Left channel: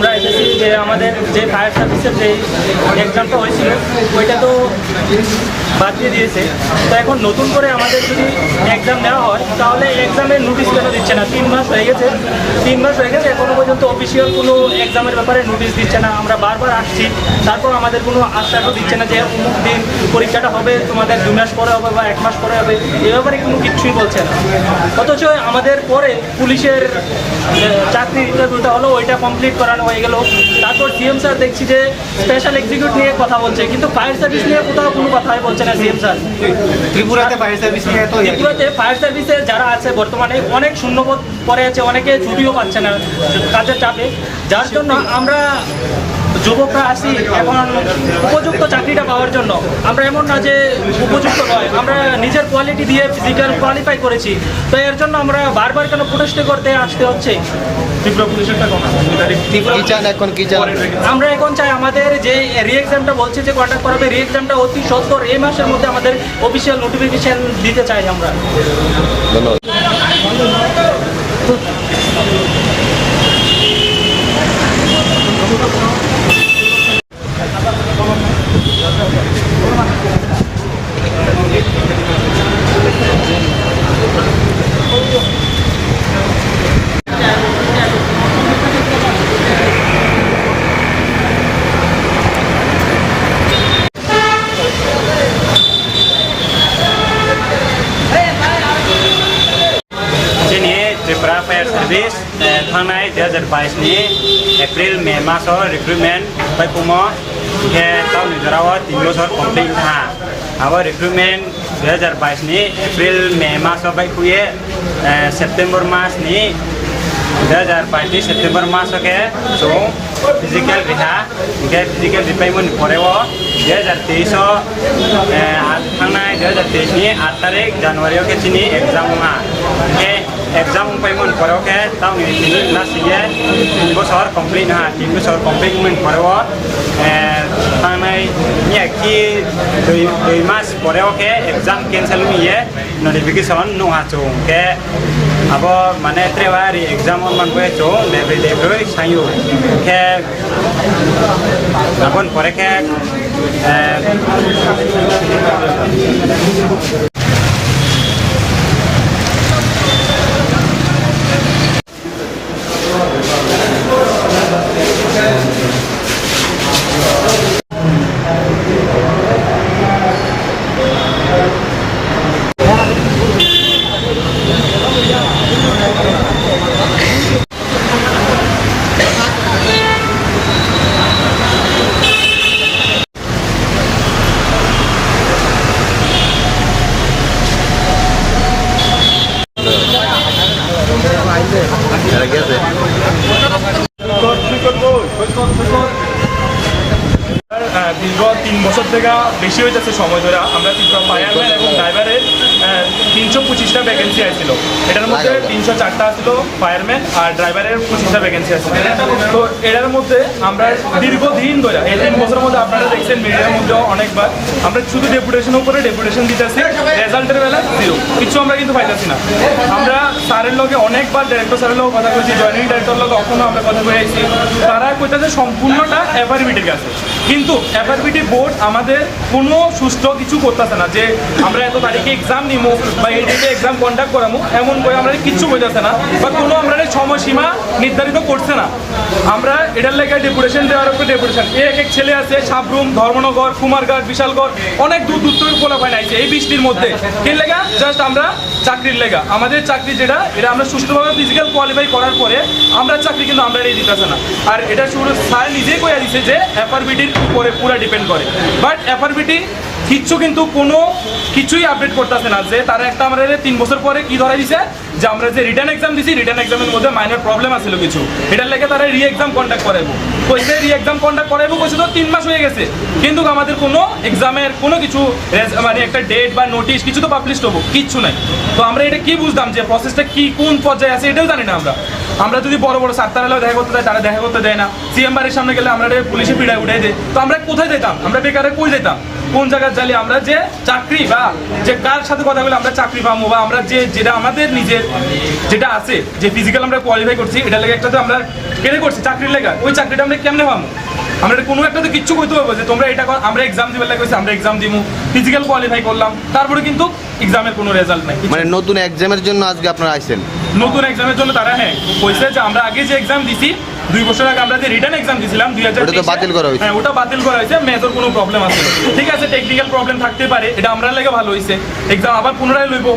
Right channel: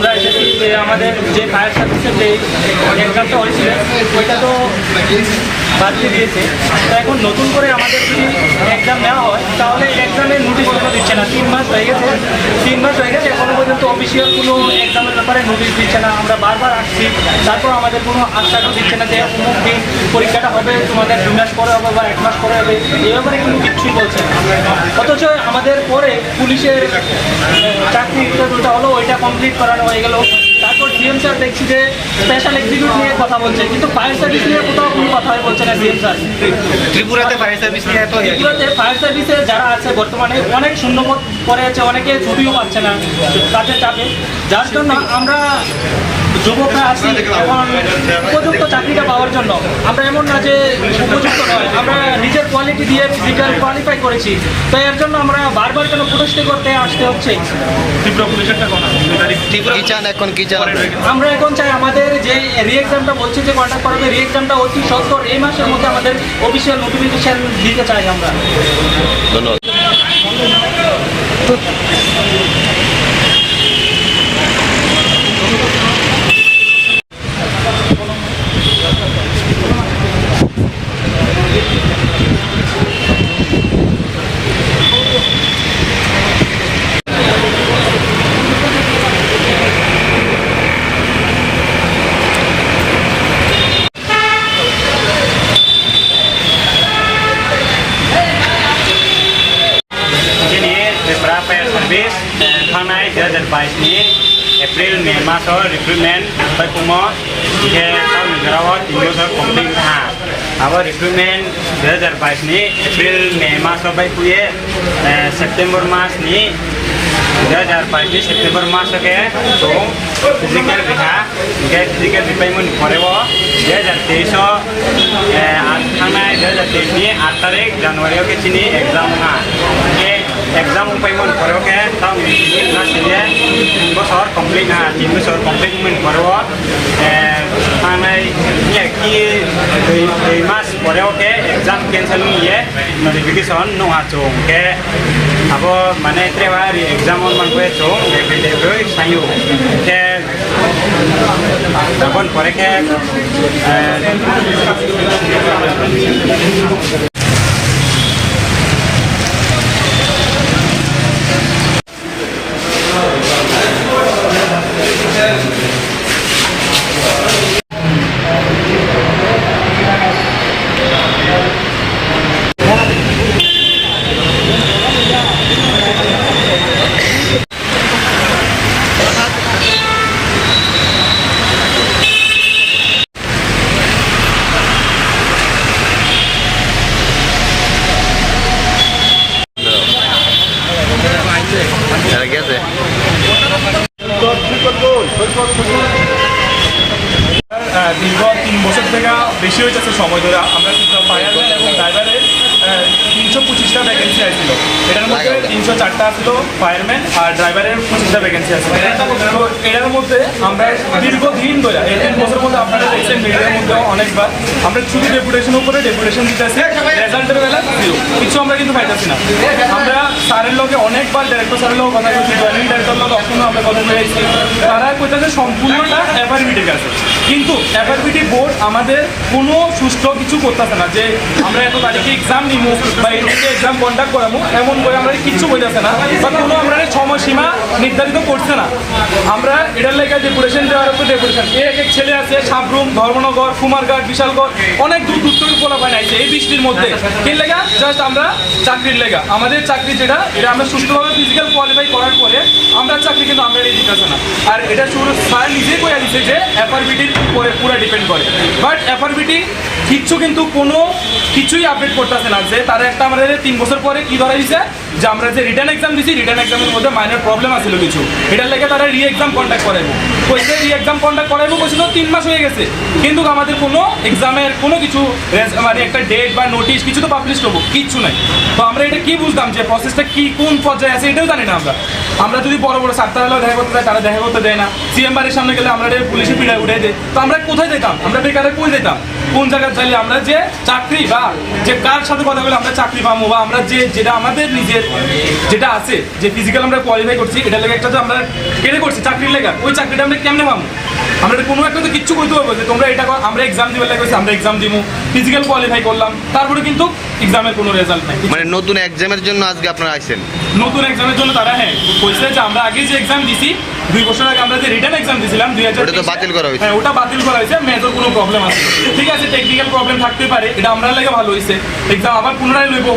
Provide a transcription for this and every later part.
আমরা এসেছি যে আমাদের যে ফায়ার সার্ভিসের যে এক্সামটা হয়েছিল ওইটা তো বাদ দিয়ে দিয়েছে। তো এখন নতুন করে আমাদের যদি এক্সাম নেওয়া হয় তাহলে এক্সামের নোটিশ কেন দিচ্ছে না। তিন মাস হয়ে গেছে। তিন মাস হয়ে গেছে এখনও পর্যন্ত অফিসিয়াল কোনো এক্সামের ব্যাপারে নোটিশ দিচ্ছে না। আমরা বারবার আসছি। তারপর আমাদের কোনো আশ্বাসও দিচ্ছে না যে অমুক দিন পরীক্ষাটা হবে তোমাদের দু মাস পরে হবে বা এক মাস পরে হবে। এ ব্যাপারে কোনো কিচ্ছুই বলছে না। অথচ আমাদের পরে পুলিশের আহ, চাকরি ইন্টারভিউটা হলো ওইটা কমপ্লিট করানো হয়ে গেল। তারপর সিএম স্যার দেখছি যে স্পেশাল এক্সিকিউট নিয়ে কথা বলছে কিন্তু ফায়ার সার্ভিস নিয়ে কোথাও কোনো কথাই বলছে না সিএম স্যার ত্রিপুরাতে ফায়ার সার্ভিস নিয়ে ত্রিপুরাতে ফায়ার সার্ভিসে যারা আছে বর্তমানে অনেক শূন্যপদ পড়ে আছে অনেকে ছুটিও পাচ্ছে না কাজের চাপে। যার জন্য আমরা যুবকরা আসি এখন উপযুক্ত চাকরিটা পাওয়ার জন্য। আমরা এমন না যে উপযুক্ত নয় আমরা নিজের কোয়ালিটি দিয়ে ফিজিক্যাল কোয়ালিফাই করেছি। তো এর জন্য আমরা বারবার কেন প্রতিষ্ঠ করতে আসতে হচ্ছে? চান এখন কি চান? আমরা এখন চাই আমাদের যে রি এক্সামটা বলছে যে কন্ডাক্ট করাবে রি এক্সামটা অতি সত্তর এই মাসের মধ্যে আমাদের অফিসিয়াল নোটিফিকেশন দিতে চাই আমরা। ধন্যবাদ। थांनाय दुइ हाजार बाइसनि एप्रिल मे मासाव रिक्रुटमेन्ट फैफुङो बिहे गावनि गेजेराव तिन बोसोर कमप्लिट हा बाइसनि एप्रिल मे मासाव फैफुयो सेप्टेम्बर मासनि दुइ हाजार बाइसनि सेप्टेम्बर मासके ज फिजिकेल बिहा बिहे फिजिकेल बिफायमोन फरेव दुइ हाजार दुइ हाजार तेइसनि आठ तारिख जानुवारियाव केसिनि एग्ज़ाम हा exam payment ભરો કે તમે નીકળી ના છીએ ઊંઘો સવાર કમ્પ્લીટ હા ટીમનું સવાર કમ્પ્લીટ પેમેન્ટ ભરવો અને આખી દોઈ માસ ભર્યો કે એક્ઝામ કેન્સલ નહીં એ નોટિફિકેશનનું વાંચું કે अब मैंने इतने बार एग्जाम मन गए मैं भी डेब्यू साइयो के अपन पर के পঁচিশটা ভ্যাকেন্সি তো এটার মধ্যে আমরা দীর্ঘদিন ধরে, এই তিন বছরের মধ্যে আপনারা দেখছেন মিডিয়ার মধ্যে অনেকবার, আমরা শুধু ডেপুটেশন উপরে ডেপুটেশন দিতেছি। রেজাল্টের বেলা জিরো কিছু আমরা কিন্তু পাইতেছি না। আমরা স্যারের লোকে অনেকবার ডিরেক্টর স্যারের লগে কথা বলছি জয়েনিং ডিরেক্টর লগে কখনো আমরা কথা বলে আইছি তারা কইতেছে সম্পূর্ণটা এফআরবিটির কাছে কিন্তু এফআরবিটি বোর্ড আমাদের কোনো সুস্থ কিছু করতেছে না যে আমরা এত তারিখে এক্সাম নিমু বা এই এক্সাম কন্ডাক্ট করামু, এমন করে আমরা কিচ্ছু কইতেছে না বা কোনো আমরা সময়সীমা নির্ধারিত করছে না। আমরা এটার লেগে ডেপুটেশন দেওয়ার উপর ডেপুটেশন এক এক ছেলে আছে, সাবরুম, ধর্মনগর, কুমারঘাট, বিশালগড়, অনেক দূর দূর থেকে পোলা পায় এই বৃষ্টির মধ্যে। কি লেগা? জাস্ট আমরা চাকরির লেগা। আমাদের চাকরি যেটা, এটা আমরা সুস্থভাবে ফিজিক্যাল কোয়ালিফাই করার পরে আমরা চাকরি কিন্তু আমরা এটা দিতেছে না। আর এটা শুরু স্যার নিজেই কইয়া দিছে যে এফআরবিটির উপরে পুরো ডিপেন্ড করে। বাট এফআরবিটি কিচ্ছু কিন্তু কোনো কিছুই আপডেট করতেছে না যে তারা একটা আমাদের তিন বছর পরে কি ধরা দিছে যে আমরা যে রিটার্ন এক্সাম দিছি রিটার্ন এক্সামের মধ্যে মাইনর প্রবলেম আছিল কিছু। এটার লেগে তারা রি এক্সাম কন্ডাক্ট করাইবো। কইছে রি এক্সাম কন্ডাক্ট করাইবো কইছে তো তিন মাস হয়ে গেছে। কিন্তু আমাদের কোনো এক্সামের কোনো কিছু মানে একটা ডেট বা নোটিশ কিছু তো পাবলিশ হব, কিচ্ছু নাই। তো আমরা এটা কি বুঝতাম যে প্রসেসটা কি, কোন পর্যায়ে আছে এটাও জানি না আমরা। আমরা যদি বড় বড় সাতটাবেলাও দেখা করতে যাই তারা দেখা করতে দেয় না। সিএম বাড়ির সামনে গেলে আমরা পুলিশে পিড়ায় উঠে দেয়। তো আমরা কোথায় যেতাম? আমরা বেকারে কই যেতাম? কোন জায়গায় যাইলে আমরা যে চাকরি বা যে কার সাথে কথা বলে আমরা চাকরি পাবো বা আমরা যে যেটা আমাদের নিজের যেটা আছে যে ফিজিক্যাল আমরা কোয়ালিফাই করছি এটা লেগে একটা যে আমরা কেড়ে করছি চাকরির লেগা। ওই চাকরিটা আমরা কেমনে পাবো? আমরা কোনো একটা তো কিচ্ছু করতে পারব যে তোমরা এটা আমরা এক্সাম দিবার লাগে আমরা এক্সাম দিব ফিজিক্যাল কোয়ালিফাই করলাম তারপরে কিন্তু এক্সামের কোনো রেজাল্ট নাই। মানে নতুন এক্সামের জন্য আজকে আপনারা আইছেন? নতুন এক্সামের জন্য তারা হ্যাঁ কইছে যে আমরা আগে যে এক্সাম দিছি দুই বছর আগে আমরা যে রিটার্ন এক্সাম দিছিলাম দুই হাজার বাতিল করা হয়েছে। হ্যাঁ ওটা বাতিল করা হয়েছে মেজর কোনো প্রবলেম আছে ঠিক আছে টেকনিক্যাল প্রবলেম থাকতে পারে এটা আমরা লাগে ভালো হয়েছে। এক্সাম আবার পুনরায় লইব।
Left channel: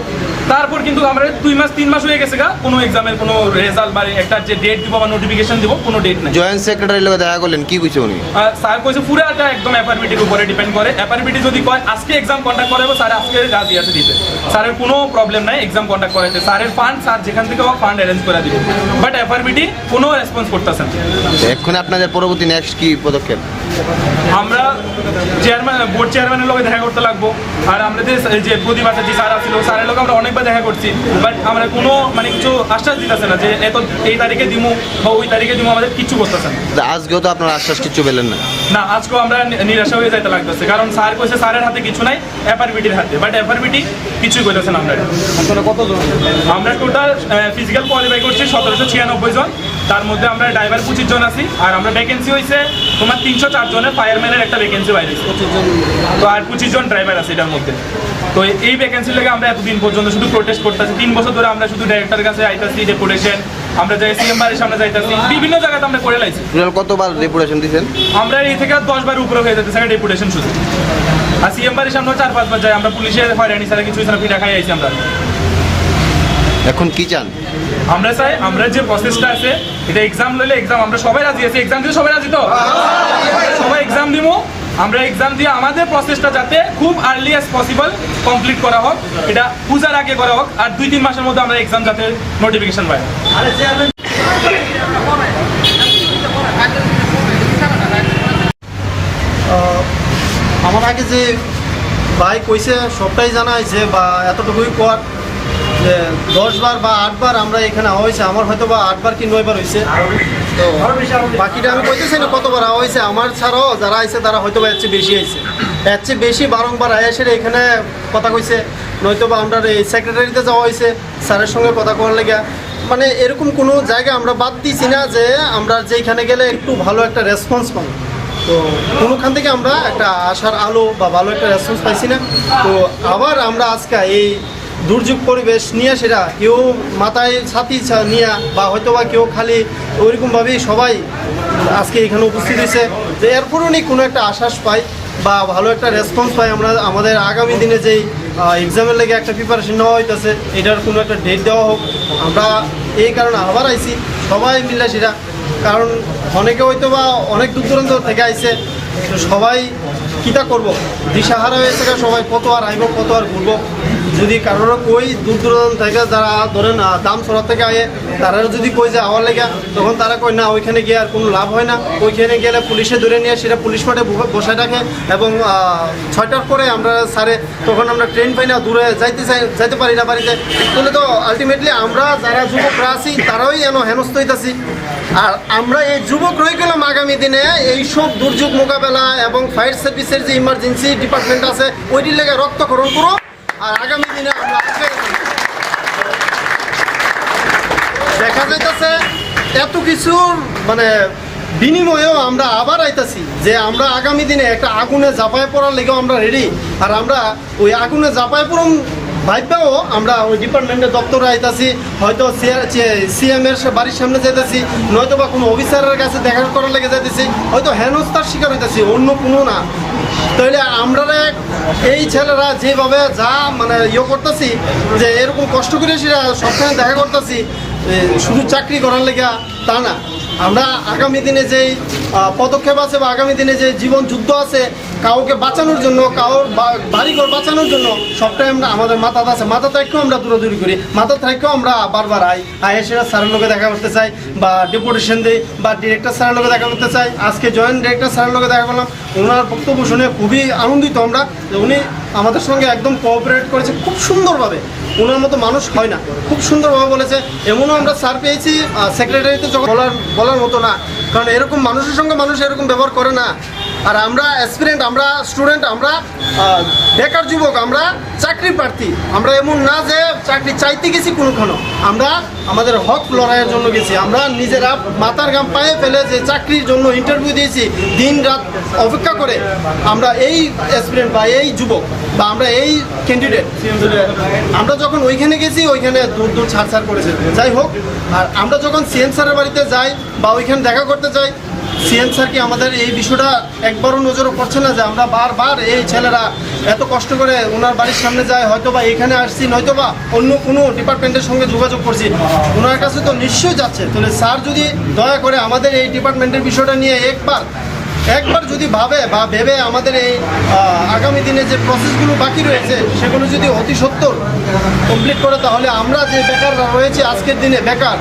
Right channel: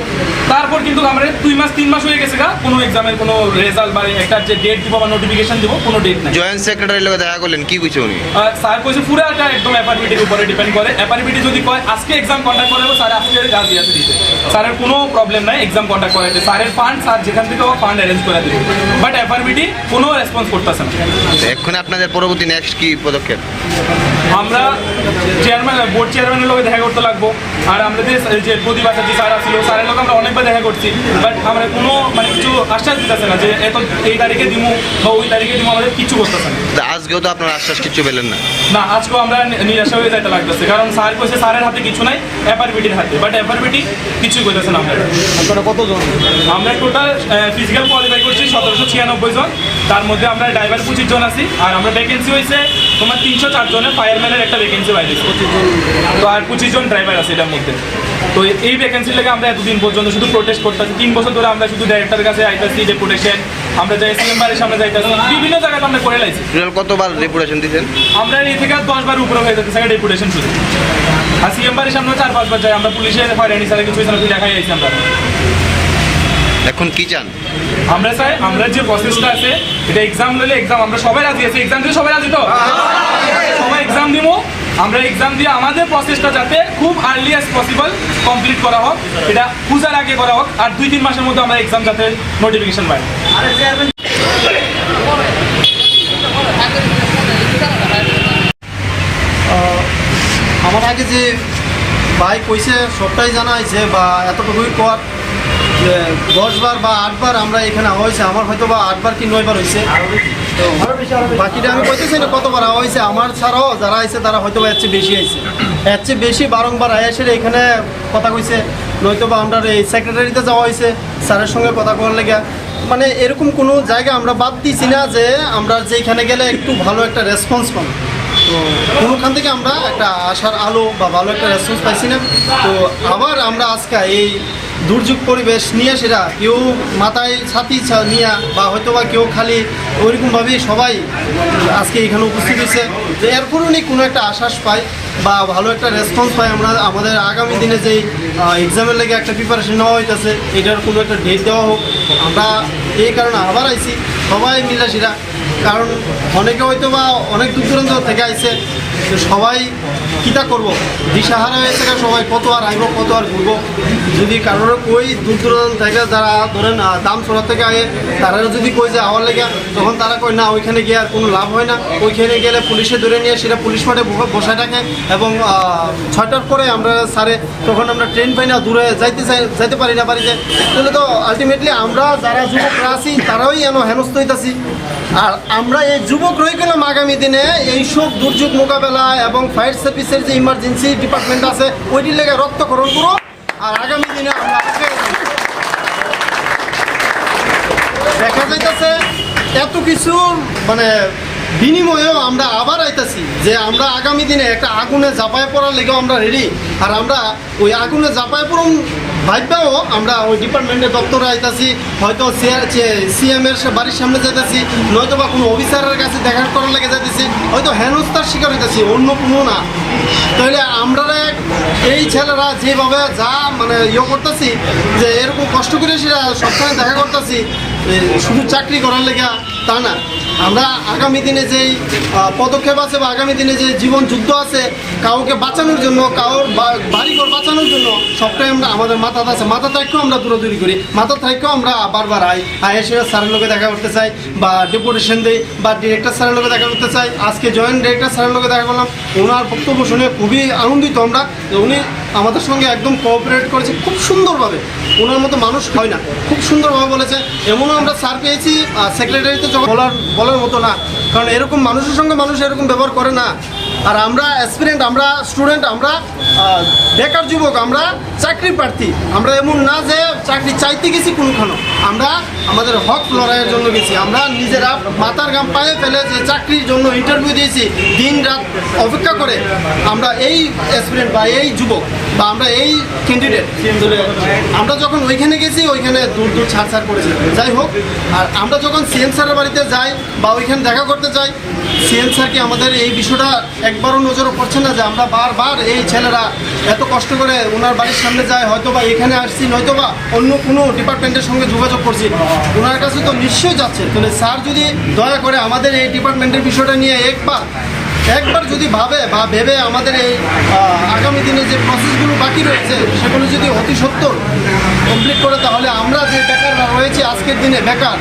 তারপর কিন্তু আমরা দুই মাস তিন মাস হয়ে গেছে গা কোনো এক্সামের কোনো রেজাল্ট বা একটা যে ডেট দিব বা নোটিফিকেশন দিব কোনো ডেট নাই। জয়েন্ট সেক্রেটারি লগে দেখা করলেন কি কইছে উনি? স্যার কইছে পুরাটা একদম অ্যাপারবিটির উপরে ডিপেন্ড করে। অ্যাপারবিটি যদি কয় আজকে এক্সাম কন্ডাক্ট করাবো স্যার আজকে রাজি আছে দিতে স্যারের কোনো প্রবলেম নাই এক্সাম কন্ডাক্ট করাইতে। স্যারের ফান্ড স্যার যেখান থেকে হোক ফান্ড অ্যারেঞ্জ করে দিবে। বাট অ্যাপারবিটি কোনো রেসপন্স করতেছে না। এখন আপনাদের পরবর্তী নেক্সট কি পদক্ষেপ? আমরা চেয়ারম্যান বোর্ড চেয়ারম্যানের লগে দেখা করতে লাগবো। আর আমাদের যে প্রদীপ আচার্য স্যার ছিল স্যারের লগে আমরা অনেকবার দেখা করছি। বাট আমরা কোনো মানে কিছু আশ্বাস দিতেছে না যে এত এই তারিখে দিমু বা ওই তারিখে দিমু আমাদের কিছু করতেছে না। আজকেও তো আপনার আশ্বাস কিছু পেলেন না। না আজকেও আমরা নিরাশা হয়ে যাইতে লাগতেছে। কারণ স্যার কইছে স্যারের হাতে কিছু নাই অ্যাপারবিটির হাতে। বাট অ্যাপারবিটি কিছুই কইতেছে না আমরা আমরা টোটাল ফিজিক্যাল কোয়ালিফাই করছি সতেরোশো ছিয়ানব্বই জন। তার মধ্যে আমরা ড্রাইভার পঁচিশ জন আছি। আর আমরা ভ্যাকেন্সি হয়েছে তোমার তিনশো চার জনের ফায়ারম্যানের একটা ভ্যাকেন্সি বাইরে তো আর পঁচিশ জন ড্রাইভার আছে এটার মধ্যে। তো এই ভ্যাকেন্সির লেগে আমরা এতদিন পর্যন্ত শুধু প্রোটেস্ট করতেছি। তিন বছর ধরে আমরা শুধু ডাইরেক্টরের কাছে আইতাছি ডেপুটেশন আমরা যাই সিএম বাড়ির সামনে যাইতাছি বিভিন্ন জায়গাতে আমরা করে লাইছি। কতবার রেপুটেশন দিয়েছেন আমরা এই থেকে দশ বার উপরে হয়ে থাকে ডেপুটেশন শুধু। আর সিএম বাড়ির সামনে চার পাঁচবার যাই আমরা পুলিশের হয়রানি ছাড়া কিছু ছাড়া দেখাই আইছি আমরা। এখন কি চান? আমরা চাই আমরা যে প্রসেসটা আছে এটা এক্সাম লইলে এক্সাম আমরা সবাই রাজি আছি। এক্সাম দিয়ে সবাই রাজি তো? সবাই এক্সাম দিব আমরা এক্সাম দিয়ে আমাদের প্রসেসটা যাতে খুব আর্লি অ্যাজ পসিবল কমপ্লিট করা হোক, এটা পূজার আগে করা হোক, আর দুই তিন মাসের মধ্যে আমরা এক্সাম যাতে নোটিফিকেশন পাই। আমার আগে যে ভাই কইছে, সবটাই জানা হয়েছে বা এতটুকুই কর দশবার বা আটবার আমরা এখানে হয়েছে, আমার হয়তো বা আটবার কি নয়বার হয়েছে। তো বাকিটা আমি কইতেছি না, কতবার হয়েছে আমার ছাড়াও যারা আইছে তারা হয়তো বা এর বেশি আইছে। এর চেয়ে বেশি বারংবার আয়াসের এখানে কথা কইছে নয়তো বা আমরা এই সেক্রেটারিতে যাওয়া হয়েছে স্যারের সঙ্গে কথা করার লেগে মানে এরকম কোনো জায়গা আমরা বাদ দিছি না যে আমরা যেখানে গেলে একটু ভালো একটা রেসপন্স পাবো। তো কোনোখান থেকে আমরা একটা আশার আলো বা ভালো একটা রেসপন্স পাইছি না। তো আবার আমরা আজকে এই দুর্যোগ পরিবেশ নিয়ে সেটা কেউ মাথায় ছাতি নিয়ে বা হয়তো বা কেউ খালি ওইরকমভাবেই সবাই আজকে এখানে উপস্থিত হয়েছে। যে এরপরও কোনো একটা আশ্বাস পাই বা ভালো একটা রেসপন্স পাই। আমরা আমাদের আগামী দিনে যেই এক্সামের লেগে একটা প্রিপারেশন নেওয়া হইতেছে, এটার কোনো একটা ডেট দেওয়া হোক। আমরা এই কারণে আবার আইছি, সবাই মিলে সেটা, কারণ অনেকে হয়তো বা অনেক দূর দূরান্ত থেকে আইছে সবাই কিটা করব? দিশাহারা হয়েছে সবাই কত আর আইব কত আর ঘুরবো? যদি কারোর কই দূর দূরান্ত থেকে যারা ধরেন দাম সরা থেকে আয়ে তারা যদি কই যে আওয়ার লেগে, তখন তারা কই না, ওইখানে গিয়ে আর কোনো লাভ হয় না। ওইখানে গেলে পুলিশে ধরে নিয়ে সেটা পুলিশ মাঠে বসায় রাখে এবং ছয়টার পরে আমরা সারে, তখন আমরা ট্রেন পাই না দূরে যাইতে চাই, যাইতে পারি না বাড়িতে তাহলে তো আলটিমেটলি আমরা যারা যুবকরা আছি, তারাই এন হেনস্থ হইতাছি। আর আমরা এই যুবক রয়ে গেলাম আগামী দিনে। এইসব দুর্যোগ মোকাবেলা এবং ফায়ার সার্ভিসের যে ইমার্জেন্সি ডিপার্টমেন্ট আছে, ওইটির লেগে রক্তকরণ করো। আর আগামী দিনে আমরা দেখা যাইতেছে, এত কিছু মানে বিনিময়েও আমরা আবার আইতাছি যে আমরা আগামী দিনে একটা আগুনে জাপায় পড়ার লেগেও আমরা রেডি আর আমরা ওই আগুনে জাপায় পড়ুন ভাইবাও আমরা ওই ডিপার্টমেন্টের দপ্তরে আইতাছি, হয়তো সিএম এর বাড়ির সামনে যাইতেছি নয়তো বা কোনো অফিসারের কাছে দেখা করার লেগে যাইতেছি, হয়তো হেনস্থার শিকার হইতেছি, অন্য কোনো না। তাহলে আমরা এই ছেলেরা যেভাবে যা মানে ইয়ে করতেছি, যে এরকম কষ্ট করে সেটা সবসময় দেখা করতেছি শুধু চাকরি করার লেগে তা না। আমরা আগামী দিনে যেই পদক্ষেপ আছে বা আগামী দিনে যে জীবন যুদ্ধ আছে, কাউকে বাঁচানোর জন্য কারোর বা- বাড়িঘর বাঁচানোর জন্য সবটাই আমরা, আমাদের মাথা আছে। মাথা থেকেও আমরা দূরদূরি করি। মাথা থেকেও আমরা বারবার আই। আই এসে স্যারের লোকে দেখা করতে চাই বা ডেপুটেশন দিই বা ডিরেক্টর স্যারের লোকে দেখা করতে চাই। আজকে জয়েন্ট ডিরেক্টর স্যারের লোকে দেখা করলাম। ওনার বক্তব্য শুনে খুবই আনন্দিত আমরা। উনি আমাদের সঙ্গে একদম কোঅপারেট করেছে খুব সুন্দরভাবে। ওনার মতো মানুষ হয় না। খুব সুন্দরভাবে বলেছে। এমনও আমরা স্যার পেয়েছি সেক্রেটারিতে বলার বলার মতো না। কারণ এরকম মানুষের সঙ্গে মানুষ এরকম ব্যবহার করে না। আর আমরা অ্যাসপিরেন্ট আমরা স্টুডেন্ট আমরা বেকার যুবক, আমরা চাকরি প্রার্থী। আমরা এমন না যে চাকরি চাইতে গেছি কোনোখানো আমরা আমাদের হক লড়াইয়ের জন্য গেছি। আমরা নিজেরা মাথার গাম পায়ে ফেলে যে চাকরির জন্য ইন্টারভিউ দিয়েছি, দিন রাত অপেক্ষা করে আমরা এই অ্যাসপিরেন্ট বা এই যুবক বা আমরা এই ক্যান্ডিডেট আমরা যখন ওইখানে গেছি, ওইখানে দূর দূর ছাড় করেছে। যাই হোক, আর আমরা যখন সিএম স্যারের বাড়িতে যাই বা ওইখানে দেখা করতে যাই সিএম স্যারকে আমাদের এই বিষয়টা একবারও নজরও পড়ছে না যে আমরা বারবার এই ছেলেরা এত কষ্ট করে ওনার বাড়ির সামনে যায় হয়তো বা এখানে আসছি নয়তো বা অন্য কোনো ডিপার্টমেন্টের সঙ্গে যোগাযোগ করছি। ওনার কাছে তো নিশ্চয়ই যাচ্ছে। তাহলে স্যার যদি দয়া করে আমাদের এই ডিপার্টমেন্টের বিষয়টা নিয়ে একবার একবার যদি ভাবে বা ভেবে আমাদের এই আগামী দিনে যে প্রসেসগুলো বাকি রয়েছে, সেগুলো যদি অতি সত্তর কমপ্লিট করে, তাহলে আমরা যে বেকাররা রয়েছে আজকের দিনে বেকার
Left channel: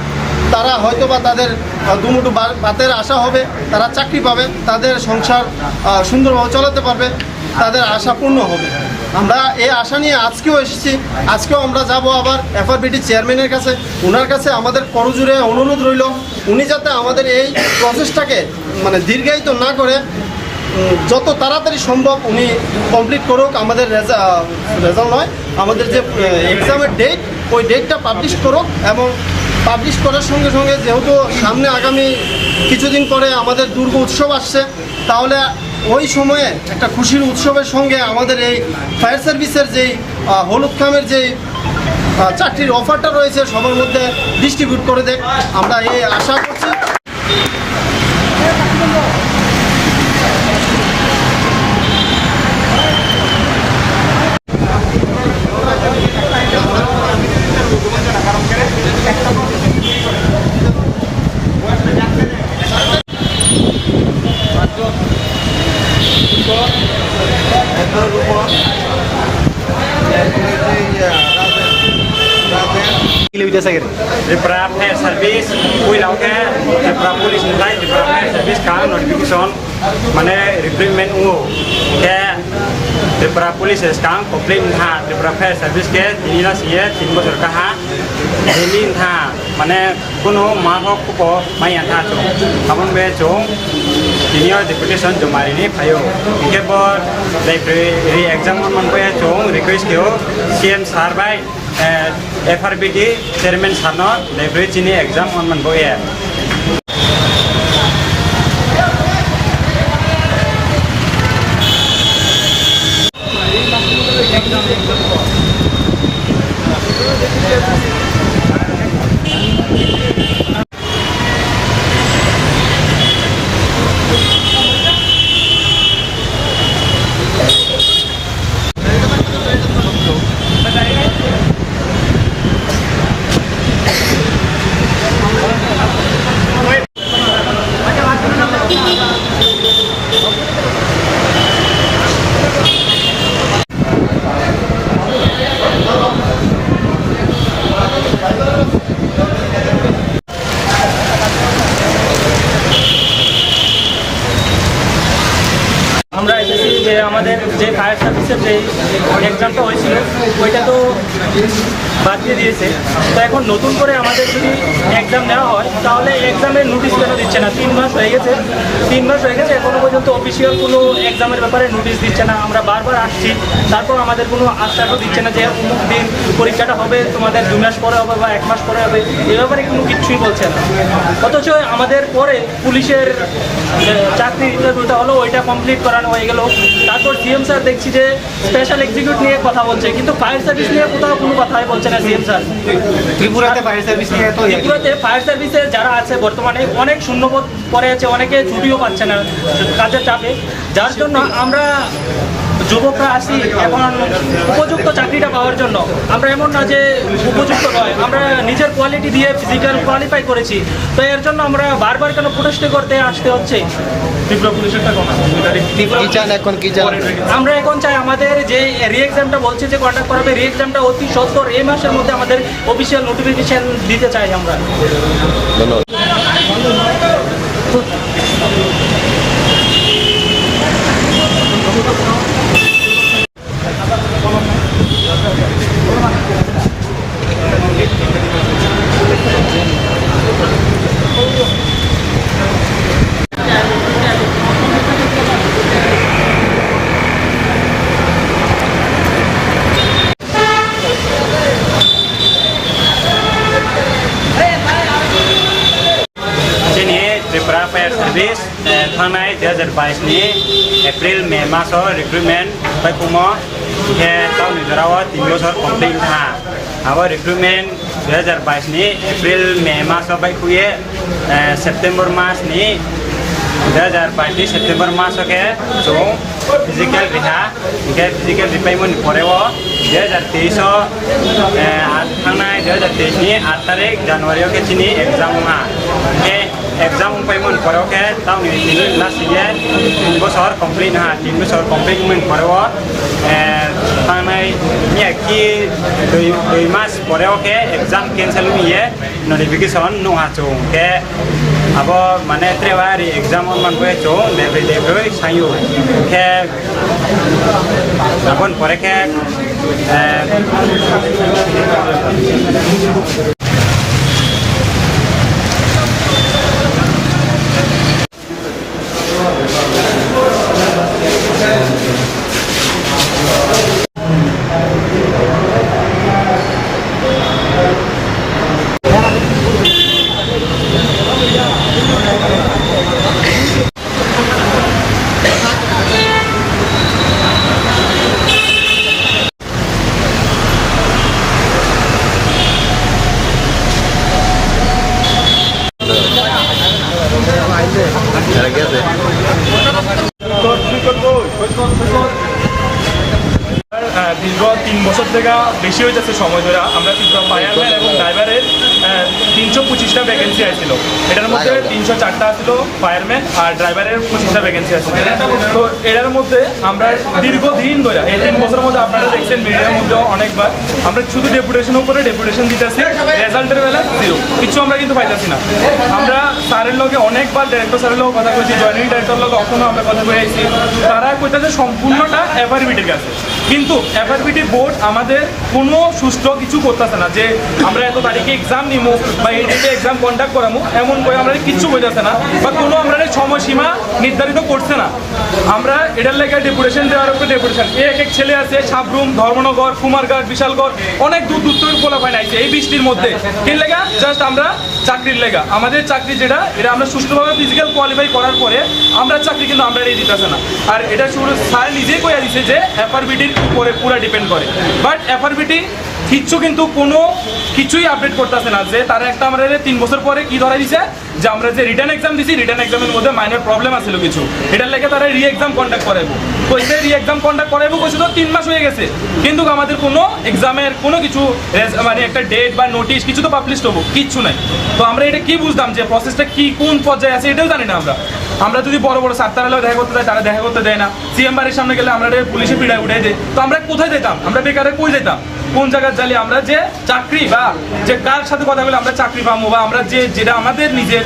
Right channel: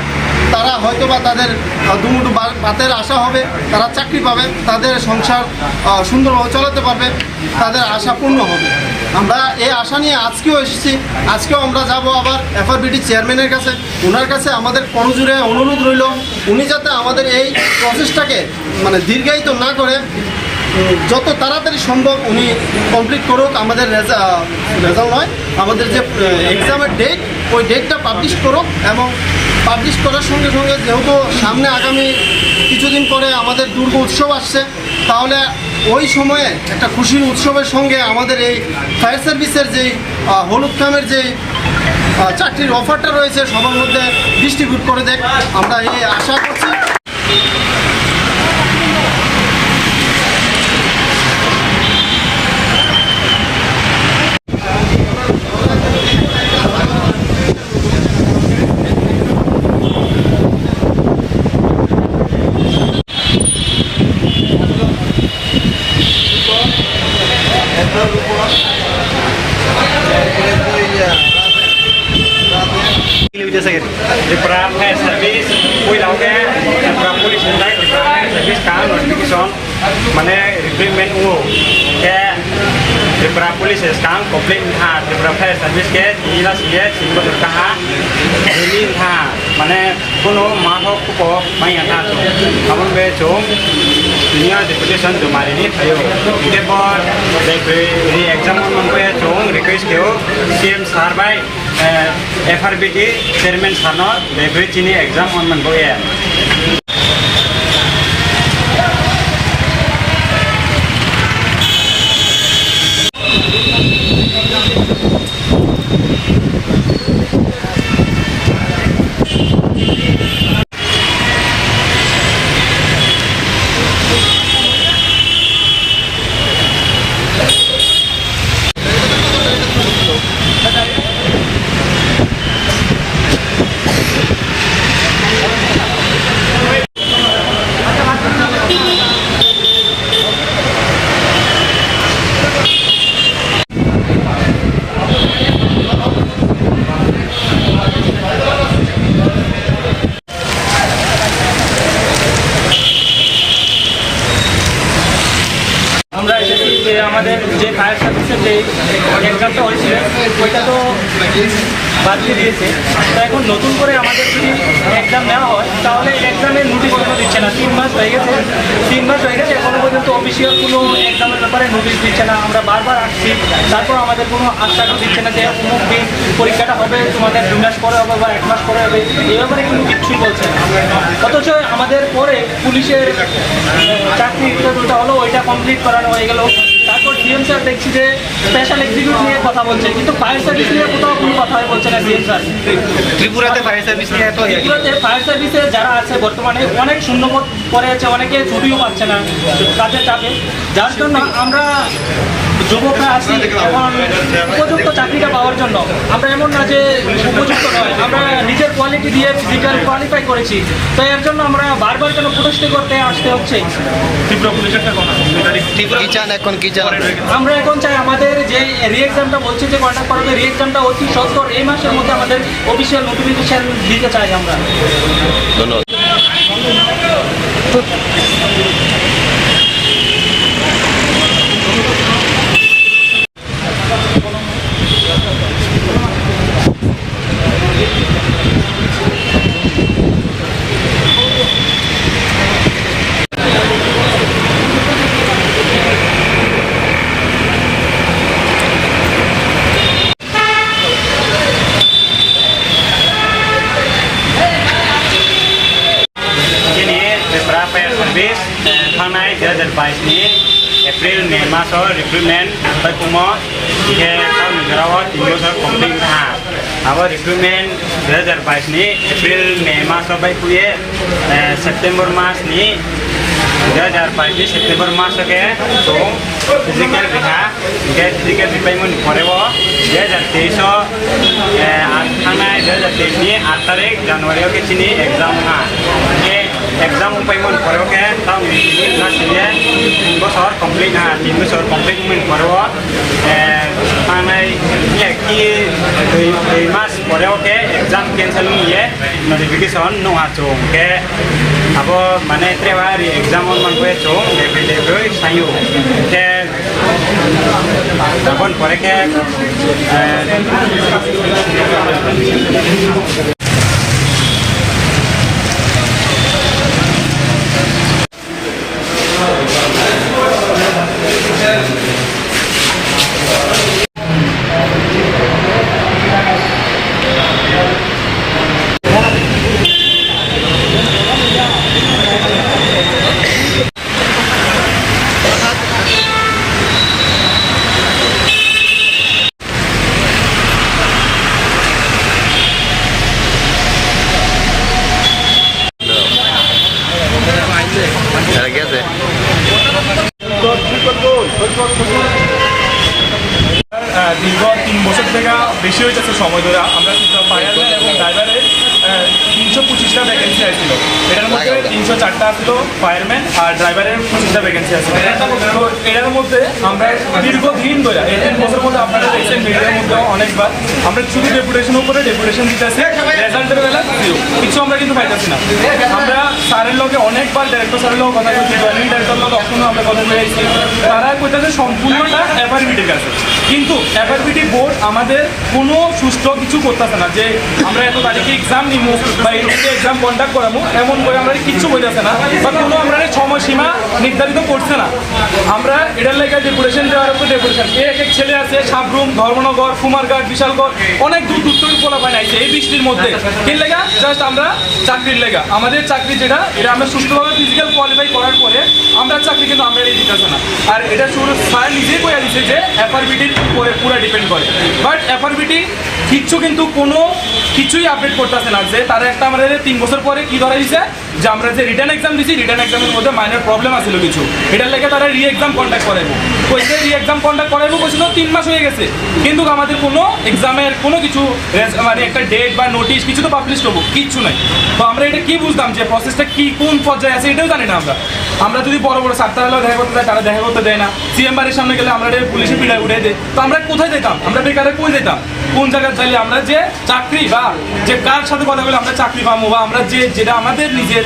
তারা হয়তো বা তাদের আহ, দুমুঠো বা- ভাতের আশা হবে তারা চাকরি পাবে তাদের সংসার সুন্দরভাবে চালাতে পারবে তাদের আশা পূর্ণ হবে। আমরা এই আশা নিয়ে আজকেও এসেছি আজকেও আমরা যাব আবার এফআরবিটি চেয়ারম্যানের কাছে। ওনার কাছে আমাদের করজুড়ে অনুরোধ রইল উনি যাতে আমাদের এই প্রসেসটাকে মানে দীর্ঘায়িত না করে যত তাড়াতাড়ি সম্ভব উনি কমপ্লিট করুক আমাদের রেজাল্ট নয় আমাদের যে এক্সামের ডেট ওই ডেটটা পাবলিশ করুক এবং পাবলিশ করার সঙ্গে সঙ্গে যেহেতু সামনে আগামী কিছুদিন পরে আমাদের দুর্গ উৎসব আসছে, তাহলে ওই সময়ে একটা খুশির উৎসবের সঙ্গে আমাদের এই ফায়ার সার্ভিসের যেই হলুদ খামের যেই চাকরির অফারটা রয়েছে, সবার মধ্যে ডিস্ট্রিবিউট করে দেখ। আমরা এই আশা করছি। pilih Wijaya Sahir? Di Prapnya servis, kui lauke di Prapu di sini di Prapnya servis kan notification mana recruitment uo ke Tripura police इसकांग कॉप्लिन था त्रिपुरा फेयर सर्विस के जिला सी ए सिंह बदर कहा था माने कुनो माहो कुपो माय था चो हमन बे चो सीनियर डिप्यूटेशन जुमारी ने भयो इते पर लाइब्रेरी एग्ज़ाम मन को चो रिक्वेस्ट कियो सीएम सार भाई एफआरबिटी चेयरमैन सानो लाइब्रेरी चिनी एग्जाम ऑन मन please. বাদ দিয়ে দিয়েছে। তো এখন নতুন করে আমাদের যদি এক্সাম নেওয়া হয়, তাহলে এক্সামের নোটিশ কেন দিচ্ছে না? তিন মাস হয়ে গেছে। তিন মাস হয়ে গেছে, এখনও পর্যন্ত অফিসিয়াল কোনো এক্সামের ব্যাপারে নোটিশ দিচ্ছে না। আমরা বারবার আসছি। তারপর আমাদের কোনো আশ্বাসও দিচ্ছে না যে অমুক দিন পরীক্ষাটা হবে, তোমাদের দু মাস পরে হবে বা এক মাস পরে হবে। এ ব্যাপারে কোনো কিচ্ছুই বলছে না। অথচ আমাদের পরে পুলিশের চাকরি ইন্টারভিউটা হলো, ওইটা কমপ্লিট করানো হয়ে গেল। তারপর সিএম স্যার দেখছি যে স্পেশাল এক্সিকিউট নিয়ে কথা বলছে, কিন্তু ফায়ার সার্ভিস নিয়ে কোথাও কোনো কথাই বলছে ফায়ার সার্ভিস যারা আছে বর্তমানে অনেক শূন্যবোধ পরে আছে, অনেকে ছুটিও পাচ্ছে না কাজের চাপে। যার জন্য আমরা যুবকরা আসি এখন উপযুক্ত চাকরিটা পাওয়ার জন্য। আমরা এমন না যে উপযুক্ত নয় আমরা নিজের কোয়ালিটি দিয়ে ফিজিক্যাল কোয়ালিফাই করেছি। তো এর জন্য আমরা বারবার কেন প্রতিষ্ঠা করতে আসতে হচ্ছে? এখন কি চান? আমরা এখন চাই আমাদের যে রি এক্সামটা বলছে যে কন্ডাক্ট করাবে রি এক্সামটা অতি সত্তর এই মাসের মধ্যে আমাদের অফিসিয়াল নোটিফিকেশন দিতে চাই আমরা। ধন্যবাদ। recruitment by Puma ke tahun Negarawan Indosat Komting Tha. Our recruitment 2022 ni April Mei mas sampai kuye September mas ni 2022 September मास के तो फ़िज़िकल रिहा इनके फ़िज़िकल रिपेमेंट पड़े दुई हज़ार तेईस आठ थाना दुई हज़ार तेईस आठ तारीख जनवरी के चिनी एग्ज़ाम हाँ ये exam payment paro ke tam ni na sile bo sor complete ha tin bo sor complete men paro eh tanai ni ki doi doi mas paro ke exam cancel ni ye notification no ha chu ke abo mane trebari exam on man ko chu ne bi le ko sayu ke abon pare ke eh দীর্ঘ তিন বছর থেকে বেশি হইতেছে সময় ধরে। আমরা কিন্তু ফায়ারম্যান এবং ড্রাইভারের তিনশো পঁচিশটা ভ্যাকেন্সি আসছিল। এটার মধ্যে তিনশো চারটা আসছিল ফায়ারম্যান আর ড্রাইভারের পঁচিশটা ভ্যাকেন্সি আসছিল। তো এটার মধ্যে আমরা দীর্ঘদিন ধরে এই তিন বছরের মধ্যে আপনারা দেখছেন মিডিয়ার মধ্যে অনেকবার আমরা শুধু ডেপুটেশন উপরে ডেপুটেশন দিতেছি রেজাল্টের বেলা জিরো কিছু আমরা কিন্তু পাইতেছি না। আমরা স্যারের লগে অনেকবার ডাইরেক্টর স্যারের লগে কথা বলছি জয়েনিং ডাইরেক্টর লগে কখনো আমরা কথা বলে আইছি তারা কইতাছে সম্পূর্ণটা এফআরবিটির কাছে। কিন্তু এফআরবিটি বোর্ড আমাদের কোনো সুস্থ কিছু করতেছে না যে আমরা এত তারিখে এক্সাম নিমু বা ডেটে এক্সাম কন্ডাক্ট করামু, এমন করে আমরা কিচ্ছু বইতেছে না বা কোনো আমরা সময়সীমা নির্ধারিত করছে না। আমরা এটার লেগে ডেপুটেশন দেওয়ার উপর ডেপুটেশন এক এক ছেলে আছে, সাবরুম, ধর্মনগর, কুমারঘাট, বিশালগড়, অনেক দূর দূর থেকে পোলা পায় নাইছে এই বৃষ্টির মধ্যে। কি লেগা জাস্ট আমরা চাকরির লেগা। আমাদের চাকরি যেটা, এটা আমরা সুস্থভাবে ফিজিক্যাল কোয়ালিফাই করার পরে আমরা চাকরি কিন্তু আমরা দিতেছে না। আর এটা শুরু স্যার নিজেই কইয়া দিছে যে এফআরবিটির উপরে পুরো ডিপেন্ড করে। বাট এফআরবিটি কিচ্ছু কিন্তু কোনো কিছুই আপডেট করতেছে না যে তারা একটা আমাদের তিন বছর পরে কি ধরা দিছে যে আমরা যে রিটার্ন এক্সাম দিছি রিটার্ন এক্সামের মধ্যে মাইনর প্রবলেম আছিল কিছু। এটার লেগে তারা রি এক্সাম কন্ডাক্ট করাইবো। কইছে রি এক্সাম কন্ডাক্ট করাইবো কইছে তো তিন মাস হয়ে গেছে। কিন্তু আমাদের কোনো এক্সামের কোনো কিছু মানে একটা ডেট বা নোটিশ কিছু তো পাবলিশ হব, কিচ্ছু নাই। তো আমরা এটা কি বুঝতাম যে প্রসেসটা কি, কোন পর্যায়ে আছে, এটাও জানি না আমরা। আমরা যদি বড় বড় সাতটার দেখা করতে যাই, তারা দেখা করতে দেয় না। সিএম বাড়ির সামনে গেলে আমরা পুলিশে পিড়ায় উঠে দেয় তো আমরা কোথায় যেতাম? আমরা বেকারে কই যেতাম? কোন জায়গায় চাইলে আমরা যে চাকরি বা যে কার সাথে কথা বলে আমরা চাকরি পাবো বা আমরা যে, যেটা আমাদের নিজের